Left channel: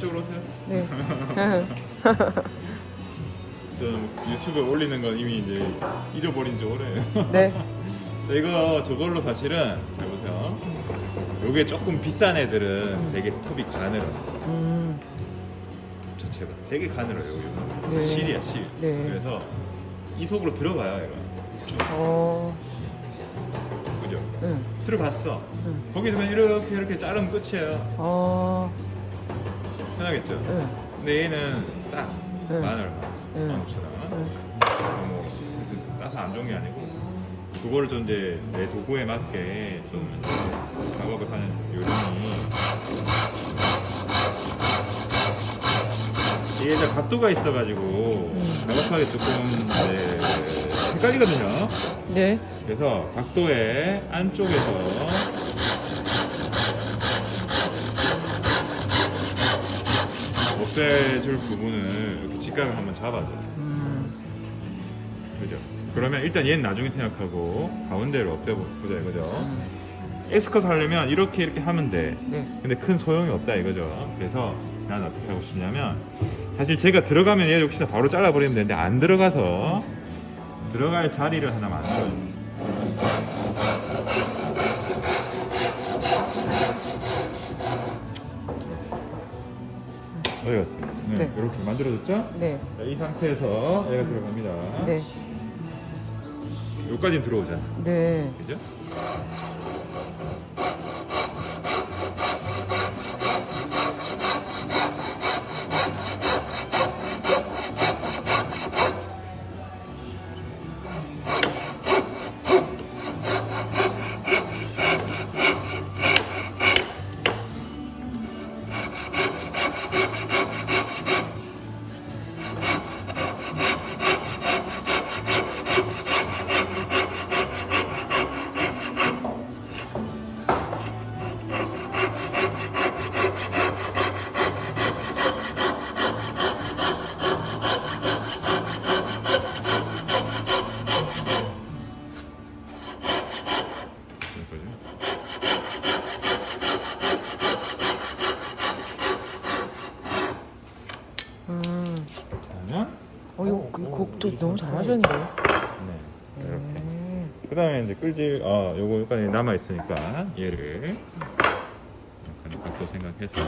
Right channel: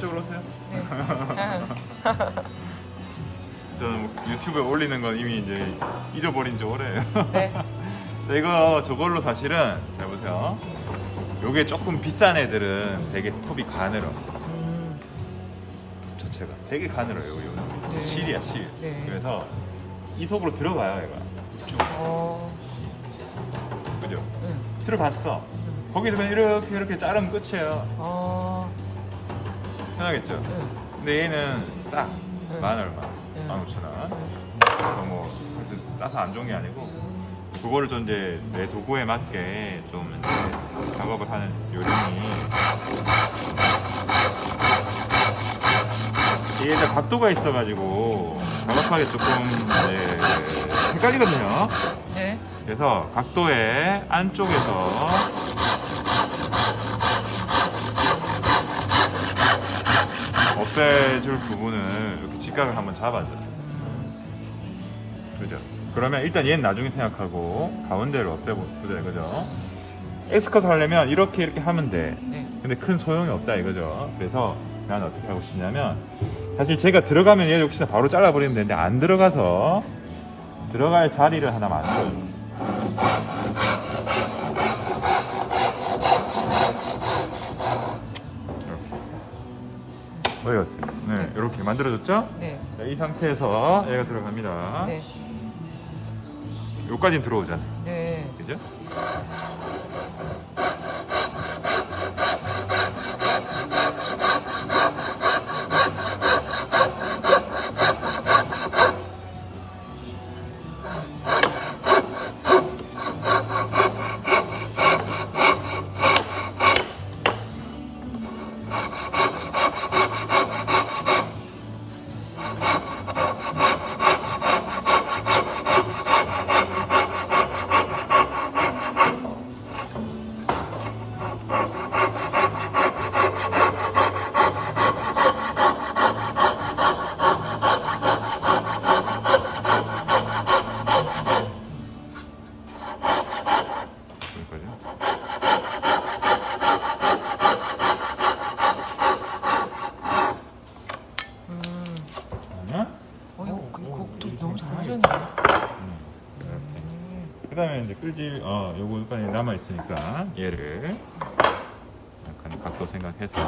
이쪽으로 오세요. 네. 저는 뭐 유튜브에 올리는 건 이미 이제 잊어버린 지 오래예요. 네. 근데 이거 저걸로 사실은 잘 보세요. 요게 조금 비싼 애들은 되게 톱이 가늘어. 음. 자체가 되게 가늘어요. 요, 요. 음. 실이야 실. 네. 그래서 이 속으로 들어가요 얘가. 어. 그죠? 음. 들어갔어. 음. 거기 들면 이렇게 이렇게 자르면 끝이에요. 어. 편하겠죠? 음. 근데 얘는 싸. 음. 만 얼마? 음. 만 오천 원. 음. 그래서 뭐 그래서 싸서 안 좋은 게 아니고 그거를 좀 이제 내 도구에 맞게 좀 이제 작업을 하는 요령이 이게 이제 각도가 있어가지고 작업하기 조금 네, 헷갈리거든요. 네. 그래서 각도의 안쪽에서 없애줄 부분을 이렇게 직각을 한번 잡아줘요. 음. 그죠? 그러면 일단 얘는 나중에 생각하고 가운데를 없애보자 이거죠. X컷 하려면 이렇게 이렇게 하면 돼. 네. 근데 큰 소용이 없다 이거죠. 그래서 나는 어떻게 하고 싶냐면 사실 제가 들어가면 얘 역시나 바로 잘라버리면 되는데 안 들어가서 들어갈 자리를 하나 만들어요. 이렇게. 어디 갔습니다. 네, 네. 이렇게 만들어졌죠? 네. 자, 이 상태에서 얘가 들어갑니다. 네. 여기까지는 들어오잖아. 네. 그죠? Ha ha ha ha! 어, 그 곡도 이 너무 상태에 잘하는데. 네. 음. 그 다음에 이제 끌지 아 요거 여기까지 남아 있으니까 얘를 약간 각도 생각해서